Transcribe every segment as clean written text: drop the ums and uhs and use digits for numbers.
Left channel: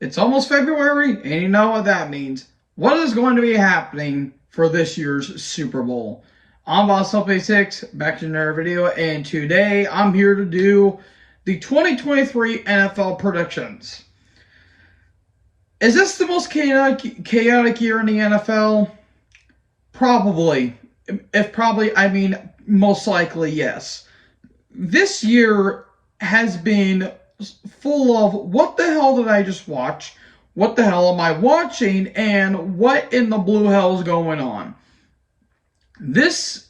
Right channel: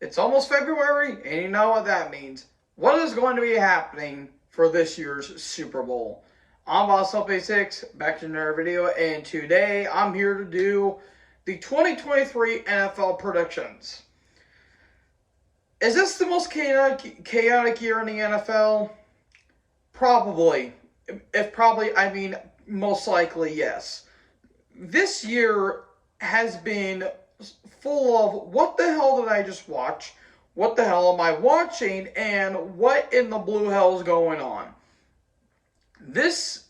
It's almost February, and you know what that means. What is going to be happening for this year's Super Bowl? I'm Boss6, back to another video, and today I'm here to do the 2023 NFL predictions. Is this the most chaotic year in the NFL? Probably. If probably, I mean most likely yes. This year has been full of what the hell did I just watch? What the hell am I watching? And what in the blue hell is going on? This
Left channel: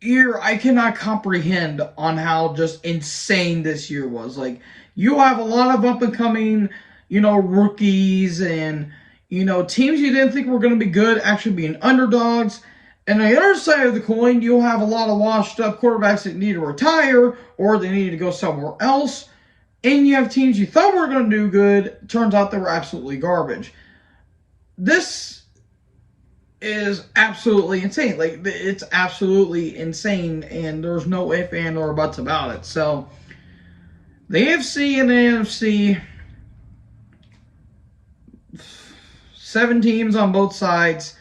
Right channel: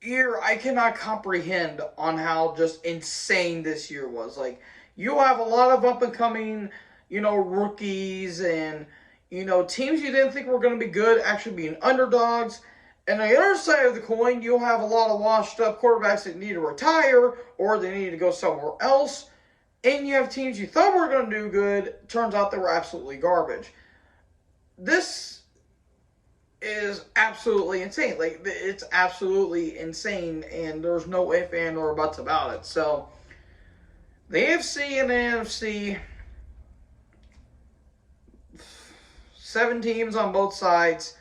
year, I cannot comprehend on how just insane this year was. Like, you have a lot of up and coming, rookies and, teams you didn't think were going to be good actually being underdogs. And on the other side of the coin, you'll have a lot of washed up quarterbacks that need to retire or they need to go somewhere else. And you have teams you thought were going to do good, turns out they were absolutely garbage. This is absolutely insane. Like, it's absolutely insane, and there's no if, and, or buts about it. So, the AFC and the NFC, 7 teams on both sides.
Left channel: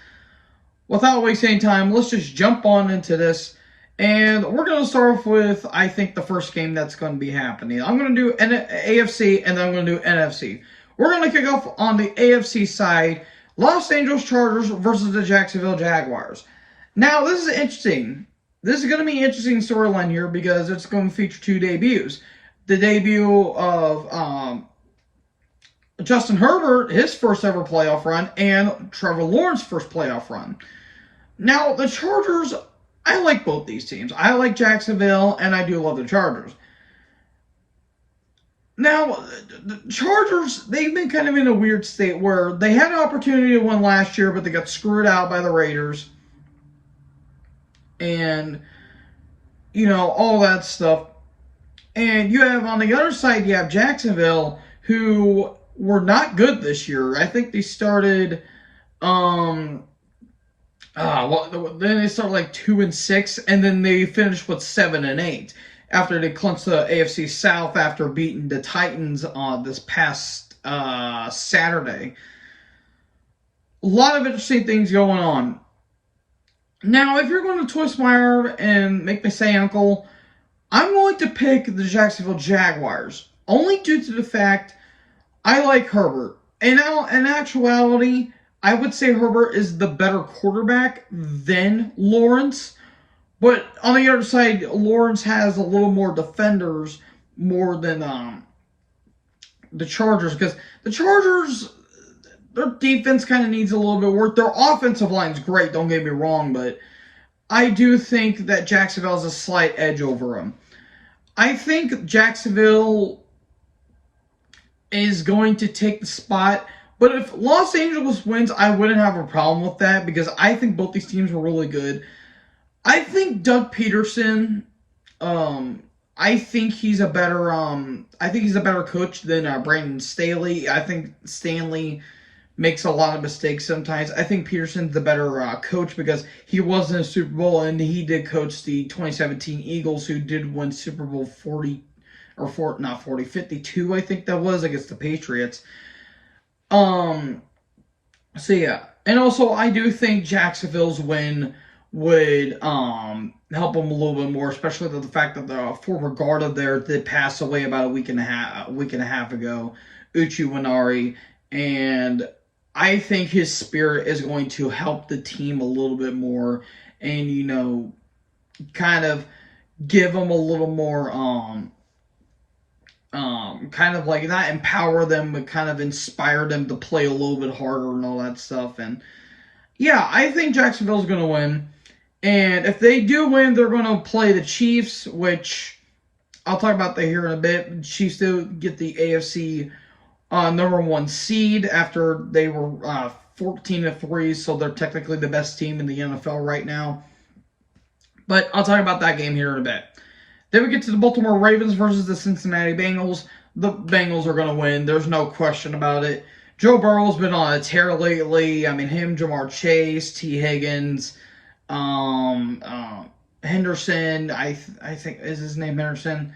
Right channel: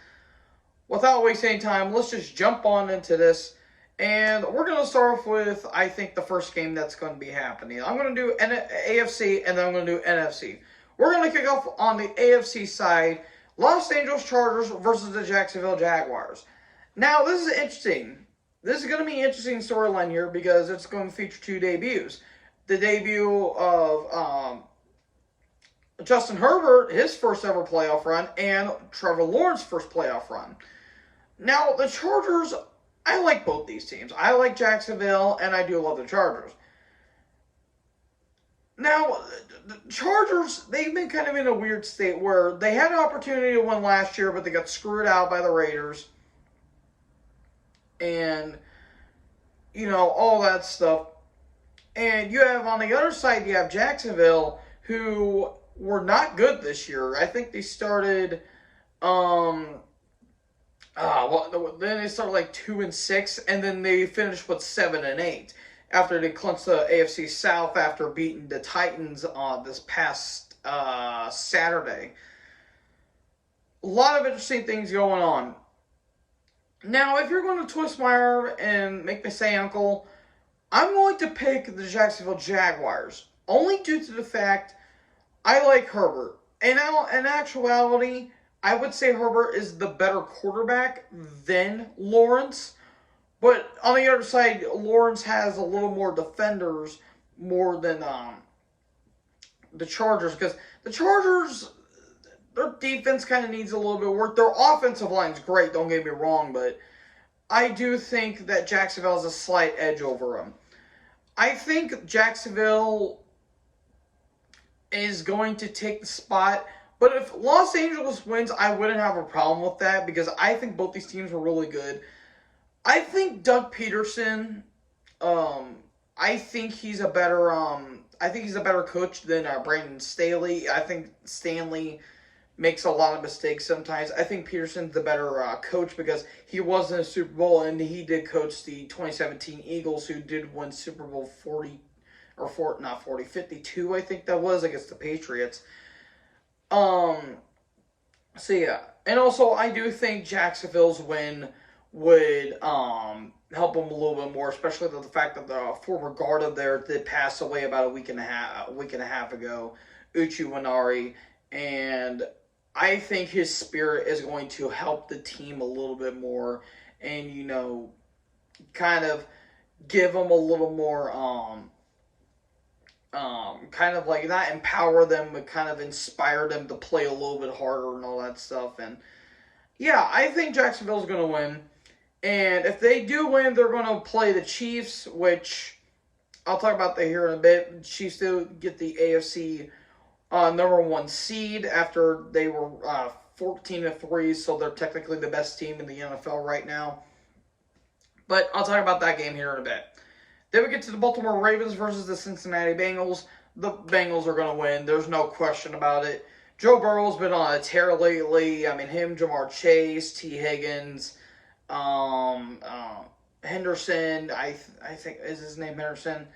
Without wasting time, let's just jump on into this. And we're going to start off with, I think, the first game that's going to be happening. I'm going to do AFC, and then I'm going to do NFC. We're going to kick off on the AFC side. Los Angeles Chargers versus the Jacksonville Jaguars. Now, this is interesting. This is going to be an interesting storyline here because it's going to feature 2 debuts. The debut of Justin Herbert, his first ever playoff run, and Trevor Lawrence's first playoff run. Now, the Chargers, I like both these teams. I like Jacksonville, and I do love the Chargers. Now, the Chargers, they've been kind of in a weird state where they had an opportunity to win last year, but they got screwed out by the Raiders. And, all that stuff. And you have, on the other side, you have Jacksonville, who were not good this year. I think they started, then they started like 2-6, and then they finished with 7-8 after they clinched the AFC South after beating the Titans this past Saturday. A lot of interesting things going on. Now, if you're going to twist my arm and make me say uncle, I'm going to pick the Jacksonville Jaguars, only due to the fact I like Herbert. And now, in actuality, I would say Herbert is the better quarterback than Lawrence. But on the other side, Lawrence has a little more defenders more than the Chargers. Because the Chargers, their defense kind of needs a little bit of work. Their offensive line's great, don't get me wrong. But I do think that Jacksonville has a slight edge over them. I think Jacksonville is going to take the spot. But if Los Angeles wins, I wouldn't have a problem with that because I think both these teams were really good. I think Doug Peterson, I think he's a better coach than Brandon Staley. I think Stanley makes a lot of mistakes sometimes. I think Peterson's the better coach because he was in a Super Bowl and he did coach the 2017 Eagles, who did win Super Bowl 52, I think that was, against the Patriots. So yeah. And also, I do think Jacksonville's win would help them a little bit more, especially the fact that the former guard of theirs did pass away about a week and a half ago, Uche Nwaneri, and I think his spirit is going to help the team a little bit more, and kind of give them a little more kind of like not empower them, but kind of inspire them to play a little bit harder and all that stuff. And yeah, I think Jacksonville's going to win. And if they do win, they're going to play the Chiefs, which I'll talk about that here in a bit. The Chiefs do get the AFC number 1 seed after they were 14-3, so they're technically the best team in the NFL right now. But I'll talk about that game here in a bit. Then we get to the Baltimore Ravens versus the Cincinnati Bengals. The Bengals are going to win. There's no question about it. Joe Burrow's been on a tear lately. I mean, him, Jamar Chase, T. Higgins, Henderson, I think is his name Henderson.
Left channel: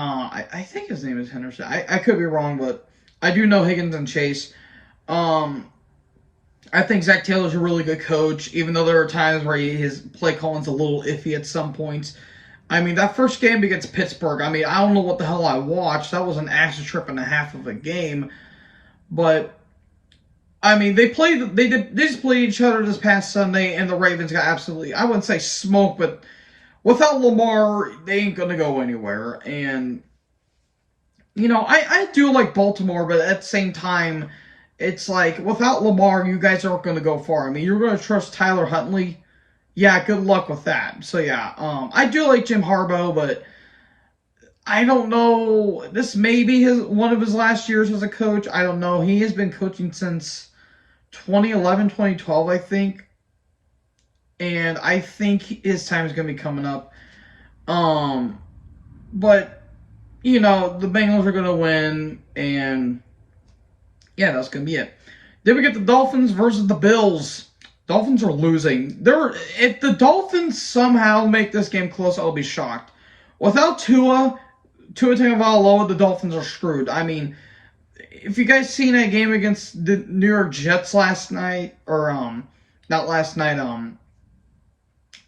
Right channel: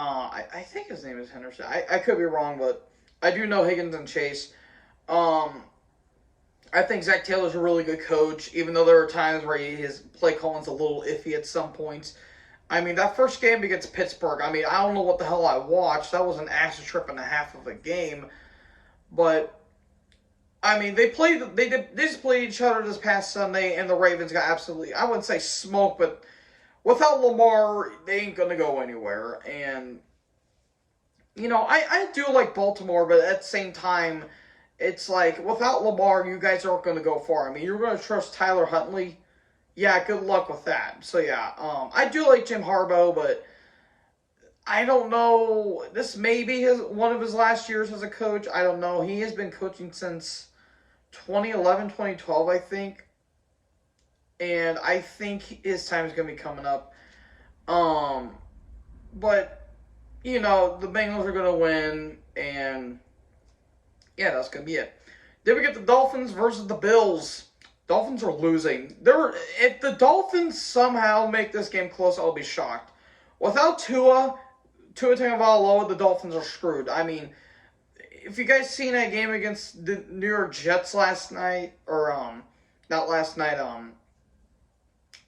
I think his name is Henderson. I could be wrong, but I do know Higgins and Chase. Um, I think Zach Taylor's a really good coach, even though there are times where his play calling's a little iffy at some points. I mean, that first game against Pittsburgh, I mean, I don't know what the hell I watched. That was an acid trip and a half of a game. But, I mean, they just played each other this past Sunday, and the Ravens got absolutely, I wouldn't say smoked, but without Lamar, they ain't going to go anywhere. And, I do like Baltimore, but at the same time, it's like, without Lamar, you guys aren't going to go far. I mean, you're going to trust Tyler Huntley. Yeah, good luck with that. So, yeah, I do like Jim Harbaugh, but I don't know. This may be one of his last years as a coach. I don't know. He has been coaching since 2011, 2012, I think. And I think his time is going to be coming up. But, the Bengals are going to win, and yeah, that's going to be it. Then we get the Dolphins versus the Bills. Dolphins are losing. If the Dolphins somehow make this game close, I'll be shocked. Without Tua Tagovailoa, the Dolphins are screwed. I mean, if you guys seen that game against the New York Jets last night, or not last night,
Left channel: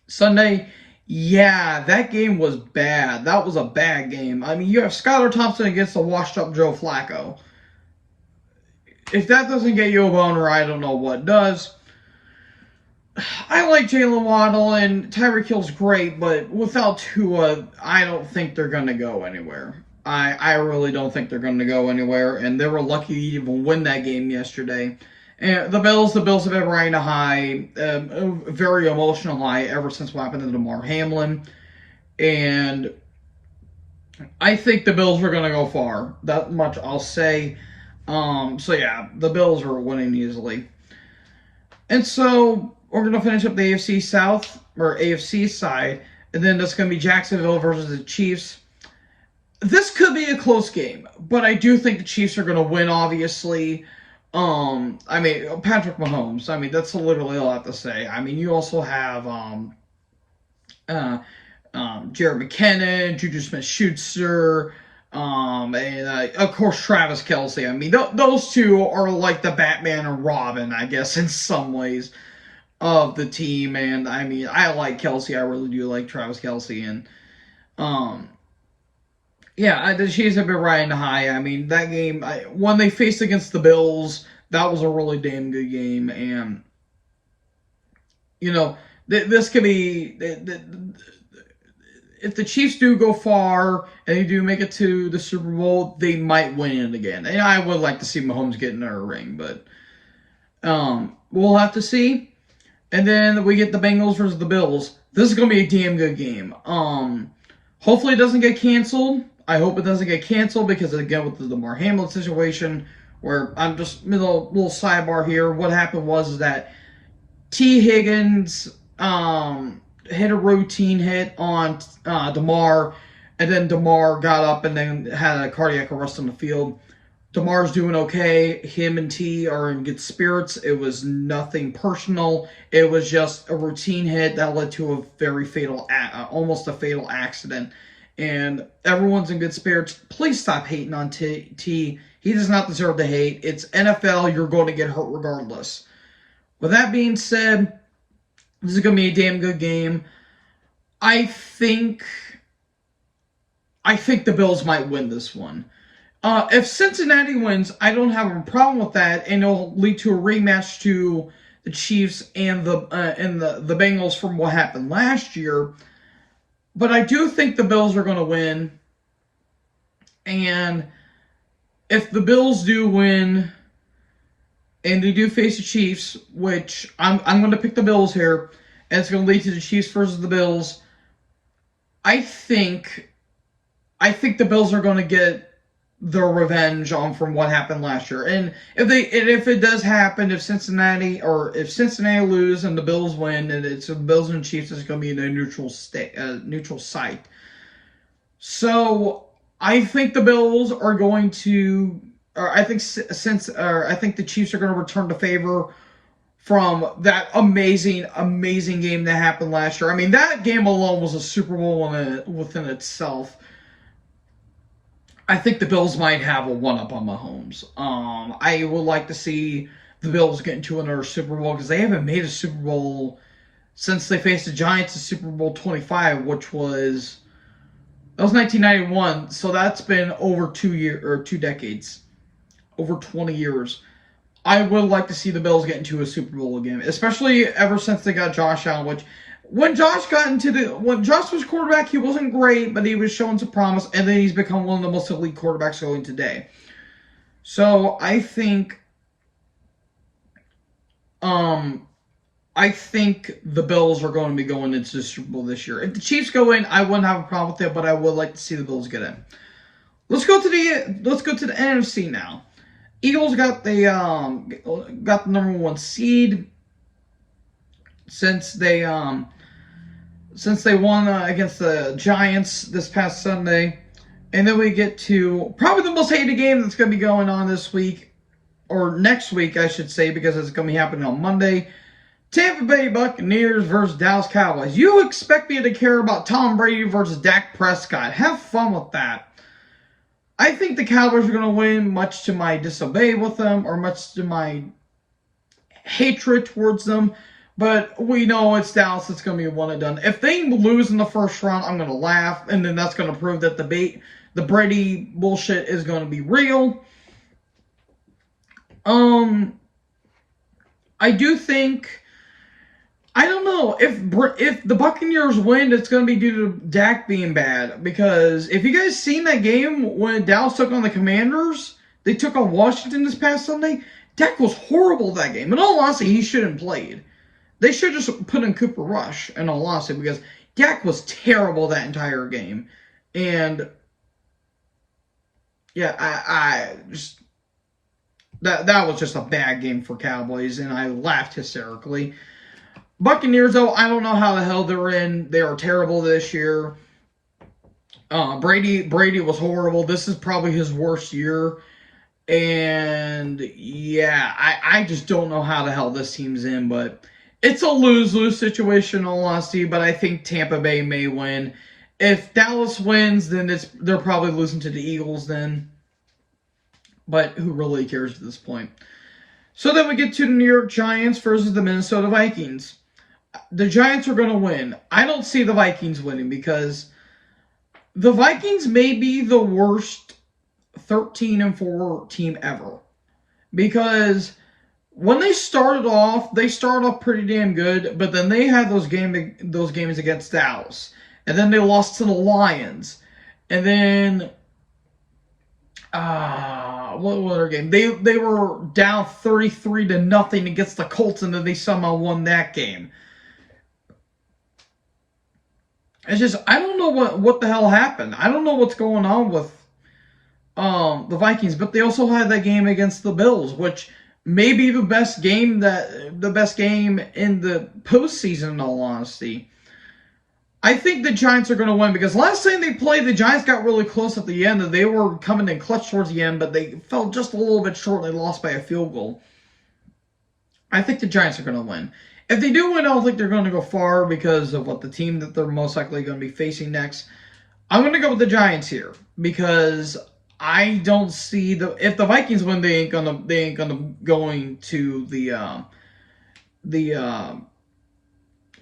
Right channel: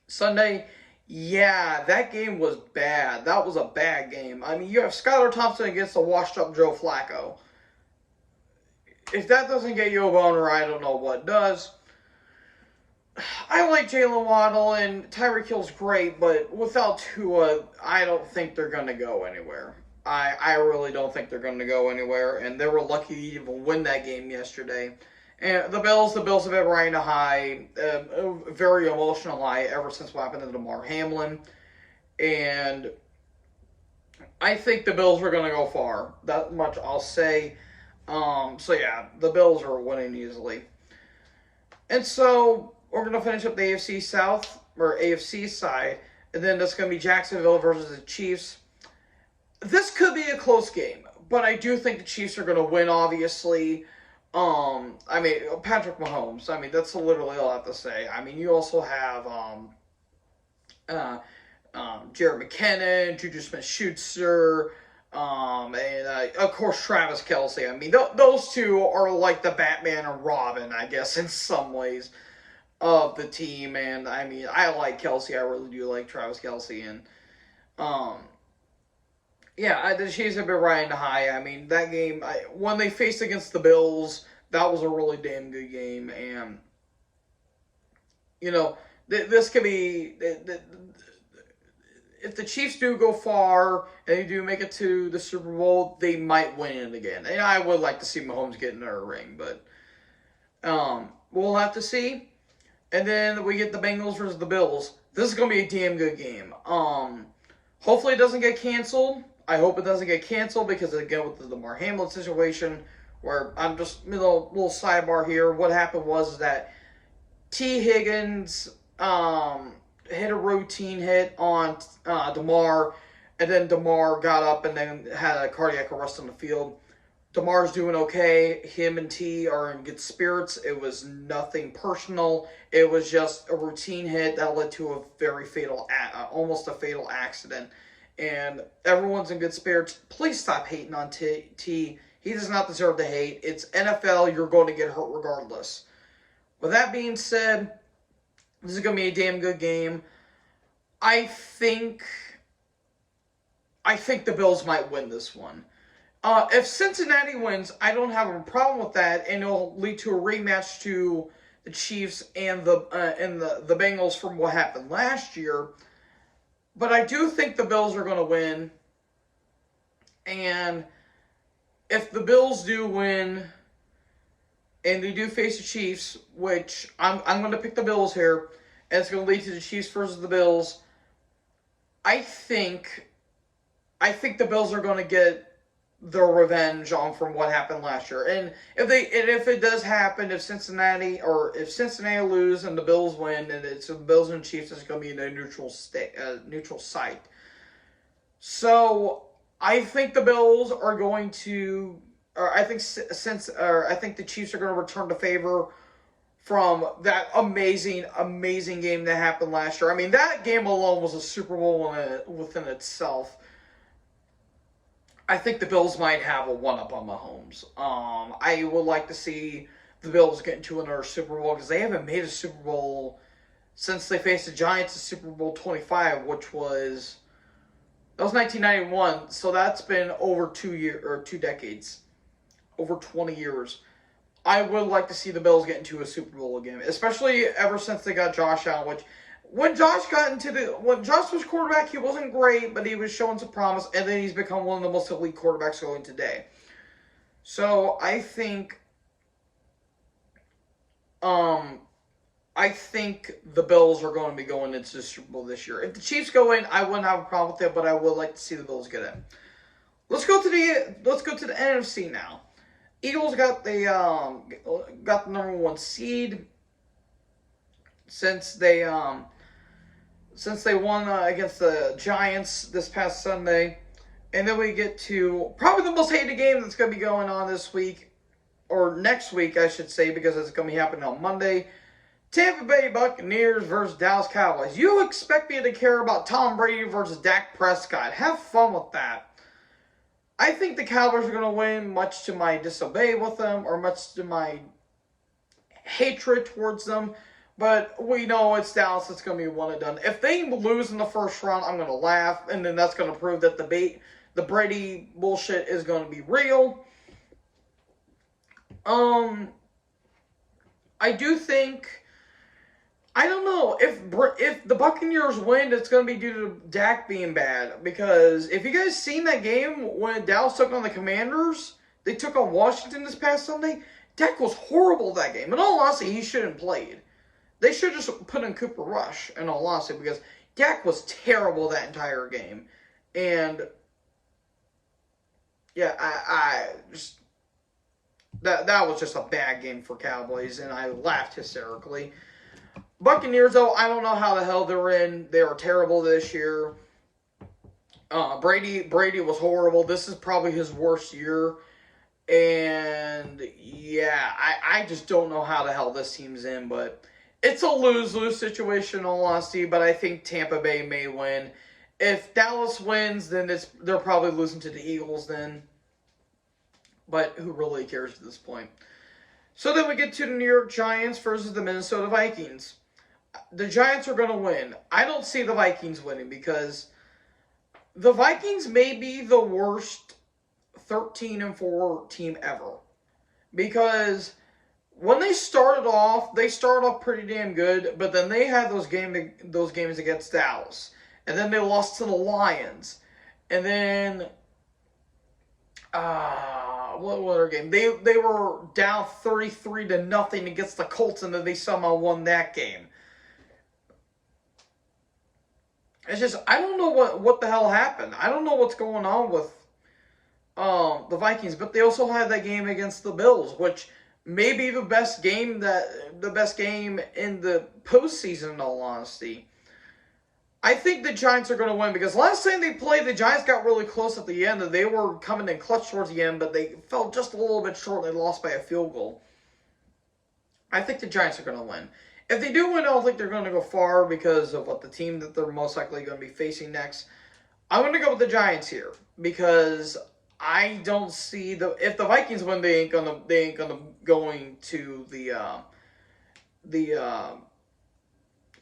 Sunday, yeah, that game was bad. That was a bad game. I mean, you have Skylar Thompson against the washed-up Joe Flacco. If that doesn't get you a boner, I don't know what does. I like Jalen Waddle, and Tyreek Hill's great, but without Tua, I don't think they're going to go anywhere. I really don't think they're going to go anywhere, and they were lucky to even win that game yesterday. And the Bills have been riding a high, a very emotional high ever since what happened to Damar Hamlin. And I think the Bills are going to go far. That much I'll say. So yeah, the Bills are winning easily. And so we're going to finish up the AFC South, or AFC side, and then that's going to be Jacksonville versus the Chiefs. This could be a close game, but I do think the Chiefs are going to win, obviously. I mean, Patrick Mahomes. I mean, that's literally all I have to say. I mean, you also have Jared McKinnon, Juju Smith-Schuster, and of course Travis Kelce. I mean, those two are like the Batman and Robin, I guess, in some ways, of the team. And I mean, I like Kelce. I really do like Travis Kelce. And yeah, the Chiefs have been riding high. I mean, that game, when they faced against the Bills, that was a really damn good game. And, this could be, if the Chiefs do go far and they do make it to the Super Bowl, they might win it again. And I would like to see Mahomes get in their ring, but we'll have to see. And then we get the Bengals versus the Bills. This is going to be a damn good game. Hopefully it doesn't get canceled. I hope it doesn't get canceled because, again, with the Damar Hamlin situation, where I'm just, little sidebar here, what happened was that T. Higgins hit a routine hit on Damar, and then Damar got up and then had a cardiac arrest on the field. Damar's doing okay. Him and T are in good spirits. It was nothing personal. It was just a routine hit that led to a very fatal, almost a fatal accident. And everyone's in good spirits. Please stop hating on T. He does not deserve the hate. It's NFL. You're going to get hurt regardless. With that being said, this is going to be a damn good game. I think the Bills might win this one. If Cincinnati wins, I don't have a problem with that, and it'll lead to a rematch to the Chiefs and the Bengals from what happened last year. But I do think the Bills are going to win. And if the Bills do win and they do face the Chiefs, which I'm going to pick the Bills here, and it's going to lead to the Chiefs versus the Bills, I think the Bills are going to get their revenge on from what happened last year. And if it does happen, if Cincinnati lose and the Bills win, and it's the Bills and Chiefs, it's going to be in a neutral site. So I think the Bills are going to, or I think the Chiefs are going to return the favor from that amazing game that happened last year. I mean, that game alone was a Super Bowl within itself. I think the Bills might have a one-up on Mahomes. I would like to see the Bills get into another Super Bowl because they haven't made a Super Bowl since they faced the Giants in Super Bowl 25, which was 1991. So that's been over 2 decades, over 20 years. I would like to see the Bills get into a Super Bowl again, especially ever since they got Josh Allen. Which, when Josh was quarterback, he wasn't great, but he was showing some promise, and then he's become one of the most elite quarterbacks going today. So I think the Bills are going to be going into the Super Bowl this year. If the Chiefs go in, I wouldn't have a problem with it, but I would like to see the Bills get in. Let's go to the NFC now. Eagles got the number 1 seed since they won against the Giants this past Sunday. And then we get to probably the most hated game that's going to be going on this week, or next week, I should say, because it's going to be happening on Monday. Tampa Bay Buccaneers versus Dallas Cowboys. You expect me to care about Tom Brady versus Dak Prescott. Have fun with that. I think the Cowboys are going to win, much to my dismay with them, or much to my hatred towards them. But we know it's Dallas. It's going to be a one and done. If they lose in the first round, I'm going to laugh, and then that's going to prove that the Brady bullshit is going to be real. I do think, I don't know, if the Buccaneers win, it's going to be due to Dak being bad. Because if you guys seen that game when Dallas took on the Commanders, they took on Washington this past Sunday, Dak was horrible that game. In all honesty, he shouldn't have played. They should just put in Cooper Rush, in all honesty, because Dak was terrible that entire game. And yeah, I just, that was just a bad game for Cowboys, and I laughed hysterically. Buccaneers, though, I don't know how the hell they're in. They are terrible this year. Brady was horrible. This is probably his worst year. And yeah, I just don't know how the hell this team's in, but it's a lose-lose situation, in all honesty, but I think Tampa Bay may win. If Dallas wins, then they're probably losing to the Eagles then. But who really cares at this point? So then we get to the New York Giants versus the Minnesota Vikings. The Giants are going to win. I don't see the Vikings winning because the Vikings may be the worst 13-4 team ever. Because when they started off pretty damn good, but then they had those games against Dallas. And then they lost to the Lions. And then what other game? They were down 33-0 against the Colts, and then they somehow won that game. It's just, I don't know what the hell happened. I don't know what's going on with the Vikings, but they also had that game against the Bills, which may be the best game in the postseason, in all honesty. I think the Giants are going to win because last time they played, the Giants got really close at the end, and they were coming in clutch towards the end, but they fell just a little bit short. They lost by a field goal. I think the Giants are going to win. If they do win, I don't think they're going to go far because of what the team that they're most likely going to be facing next. I'm going to go with the Giants here because I don't see if the Vikings win, they ain't gonna going to the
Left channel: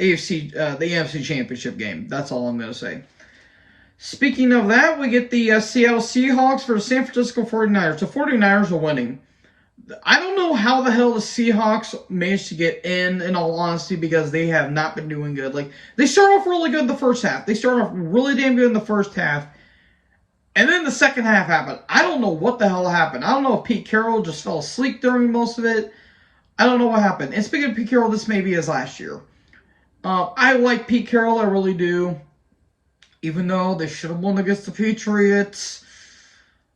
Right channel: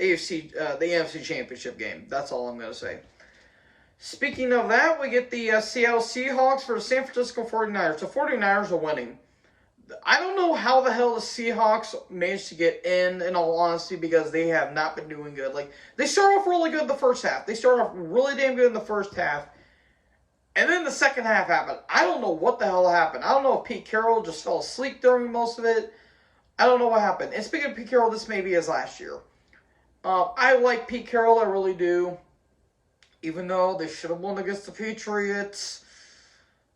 AFC Championship game. That's all I'm going to say. Speaking of that, we get the Seattle Seahawks for the San Francisco 49ers. The 49ers are winning. I don't know how the hell the Seahawks managed to get in all honesty, because they have not been doing good. Like, they started off really good in the first half. They started off really damn good in the first half. And then the second half happened. I don't know what the hell happened. I don't know if Pete Carroll just fell asleep during most of it. I don't know what happened. And speaking of Pete Carroll, this may be his last year. I like Pete Carroll, I really do. Even though they should have won against the Patriots.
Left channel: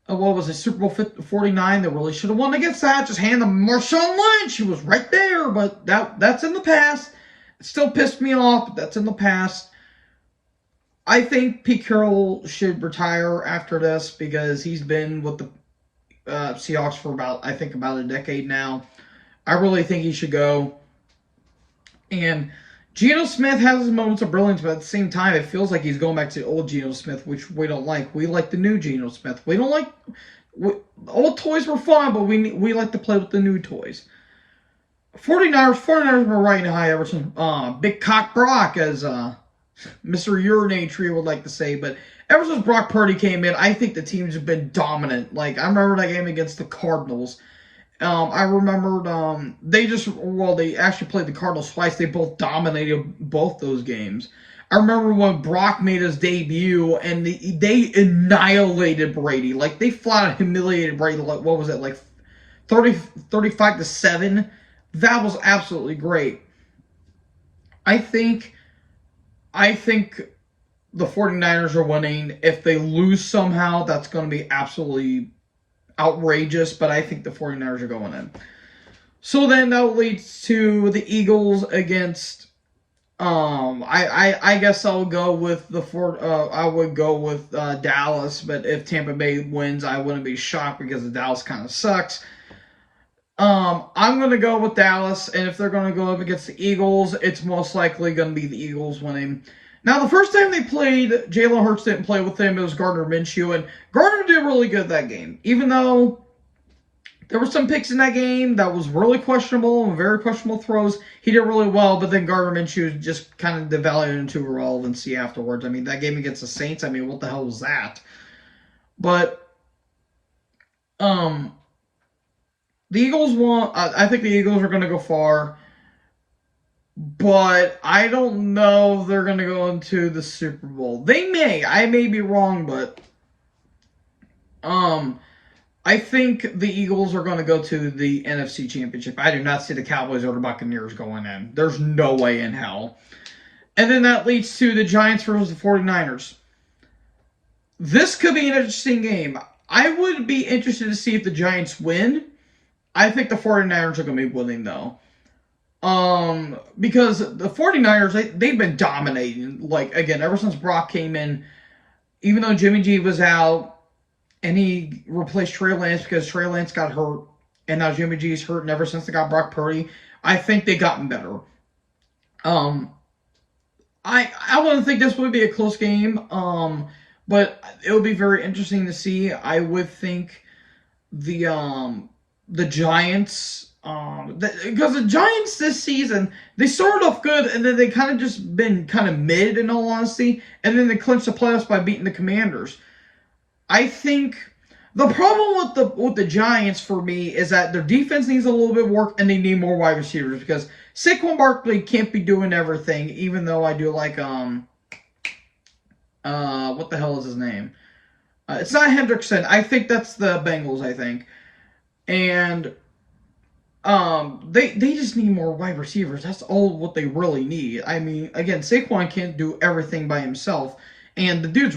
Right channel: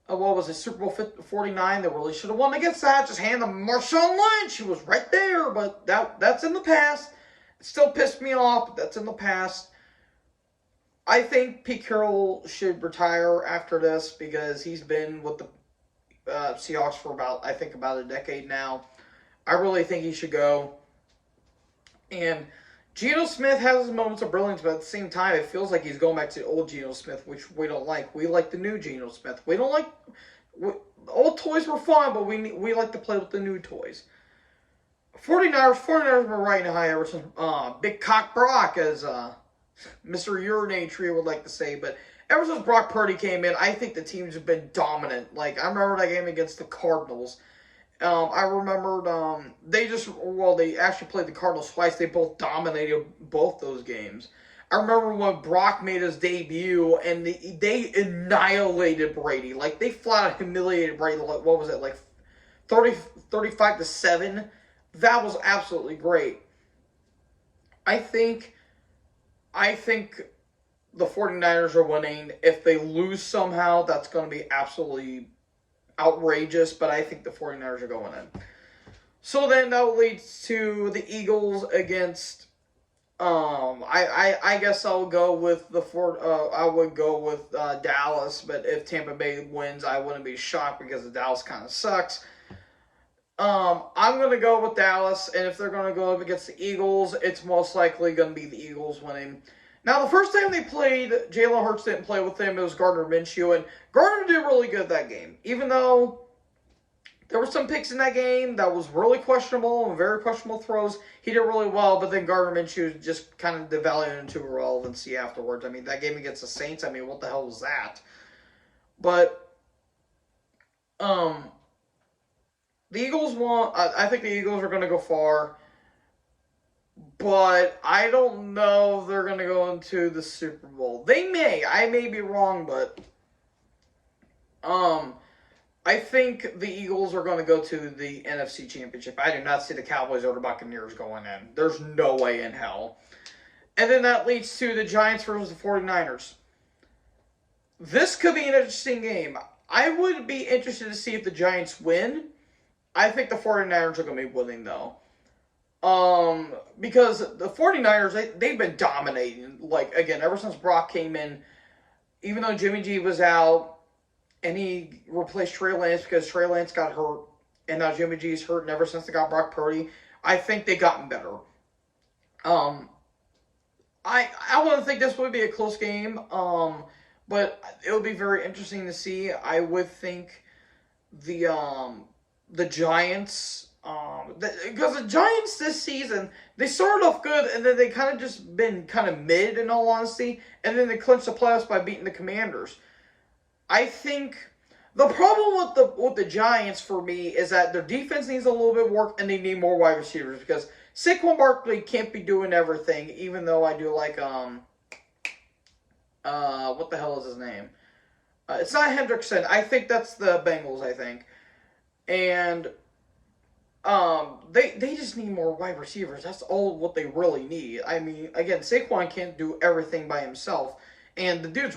What was it, Super Bowl 49? They really should have won against that. Just hand them Marshawn Lynch. He was right there, but that's in the past. It still pissed me off, but that's in the past. I think Pete Carroll should retire after this because he's been with the Seahawks for about a decade now. I really think he should go. And Geno Smith has his moments of brilliance, but at the same time, it feels like he's going back to the old Geno Smith, which we don't like. We like the new Geno Smith. We don't like... old toys were fun, but we like to play with the new toys. 49ers were riding high ever since Big Cock Brock, as Mr. Urinate Tree would like to say. But ever since Brock Purdy came in, I think the teams have been dominant. Like, I remember that game against the Cardinals. I remembered they actually played the Cardinals twice. They both dominated both those games. I remember when Brock made his debut and they annihilated Brady. Like, they flat out humiliated Brady. Like, what was it, like 35-7? That was absolutely great. I think the 49ers are winning. If they lose somehow, that's going to be absolutely outrageous, but I think the 49ers are going in. So then that leads to the Eagles against I guess I'll go with I would go with Dallas, but if Tampa Bay wins, I wouldn't be shocked because the Dallas kind of sucks. I'm going to go with Dallas, and if they're going to go up against the Eagles, it's most likely going to be the Eagles winning. Now, the first time they played, Jalen Hurts didn't play with them. It was Gardner Minshew, and Gardner did really good that game. Even though there were some picks in that game that was really questionable and very questionable throws, he did really well, but then Gardner Minshew just kind of devalued into irrelevancy afterwards. I mean, that game against the Saints, I mean, what the hell was that? But, the Eagles won. I think the Eagles are going to go far. But I don't know if they're going to go into the Super Bowl. They may. I may be wrong, but I think the Eagles are going to go to the NFC Championship. I do not see the Cowboys or the Buccaneers going in. There's no way in hell. And then that leads to the Giants versus the 49ers. This could be an interesting game. I would be interested to see if the Giants win. I think the 49ers are going to be winning, though. Because the 49ers, they've been dominating. Like, again, ever since Brock came in, even though Jimmy G was out, and he replaced Trey Lance because Trey Lance got hurt, and now Jimmy G is hurt, and ever since they got Brock Purdy, I think they've gotten better. I wouldn't think this would be a close game, but it would be very interesting to see. I would think the Giants... because the Giants this season, they started off good, and then they kind of just been kind of mid, in all honesty, and then they clinched the playoffs by beating the Commanders. I think the problem with the Giants for me is that their defense needs a little bit of work, and they need more wide receivers, because Saquon Barkley can't be doing everything, even though I do like, what the hell is his name? It's not Hendrickson. I think that's the Bengals, I think. And they just need more wide receivers. That's all what they really need. I mean, again, Saquon can't do everything by himself, and the dude's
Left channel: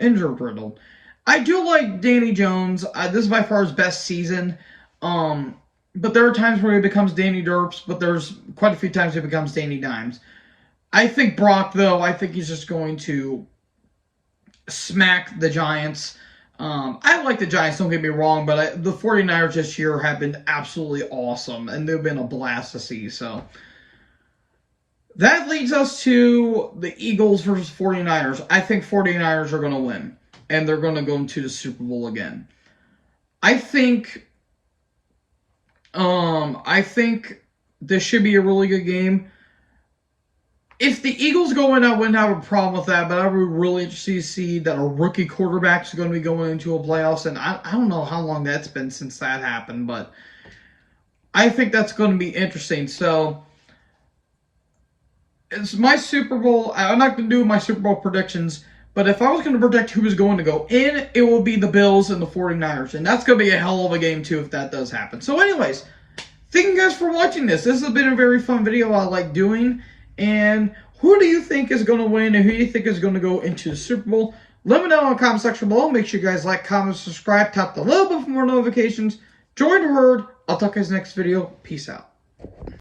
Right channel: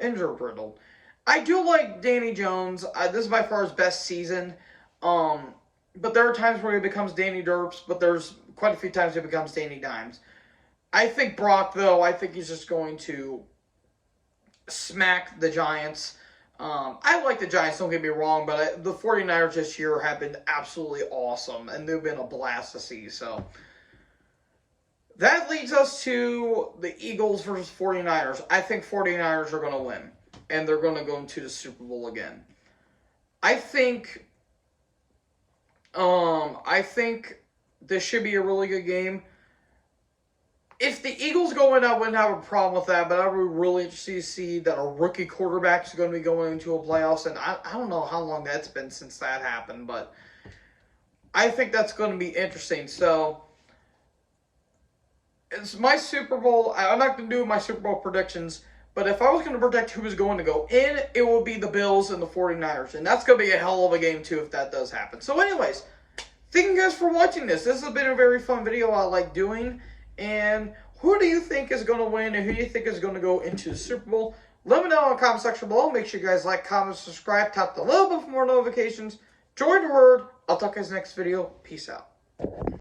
injured riddled. I do like Danny Jones. This is by far his best season. But there are times where he becomes Danny Derps, but there's quite a few times he becomes Danny Dimes. I think Brock, though, I think he's just going to smack the Giants. I like the Giants, don't get me wrong, but the 49ers this year have been absolutely awesome, and they've been a blast to see. So that leads us to the Eagles versus 49ers. I think 49ers are going to win, and they're going to go into the Super Bowl again. I think this should be a really good game. If the Eagles go in, I wouldn't have a problem with that, but I would really interested to see that a rookie quarterback is going to be going into a playoffs, and I don't know how long that's been since that happened, but I think that's going to be interesting. So, it's my Super Bowl. I'm not going to do my Super Bowl predictions, but if I was going to predict who was going to go in, it will be the Bills and the 49ers, and that's going to be a hell of a game, too, if that does happen. So, anyways, thank you guys for watching this. This has been a very fun video I like doing. And who do you think is going to win, and who do you think is going to go into the Super Bowl? Let me know in the comment section below. Make sure you guys like, comment, subscribe, tap the little bit for more notifications. Join the herd. I'll talk to you guys next video. Peace out.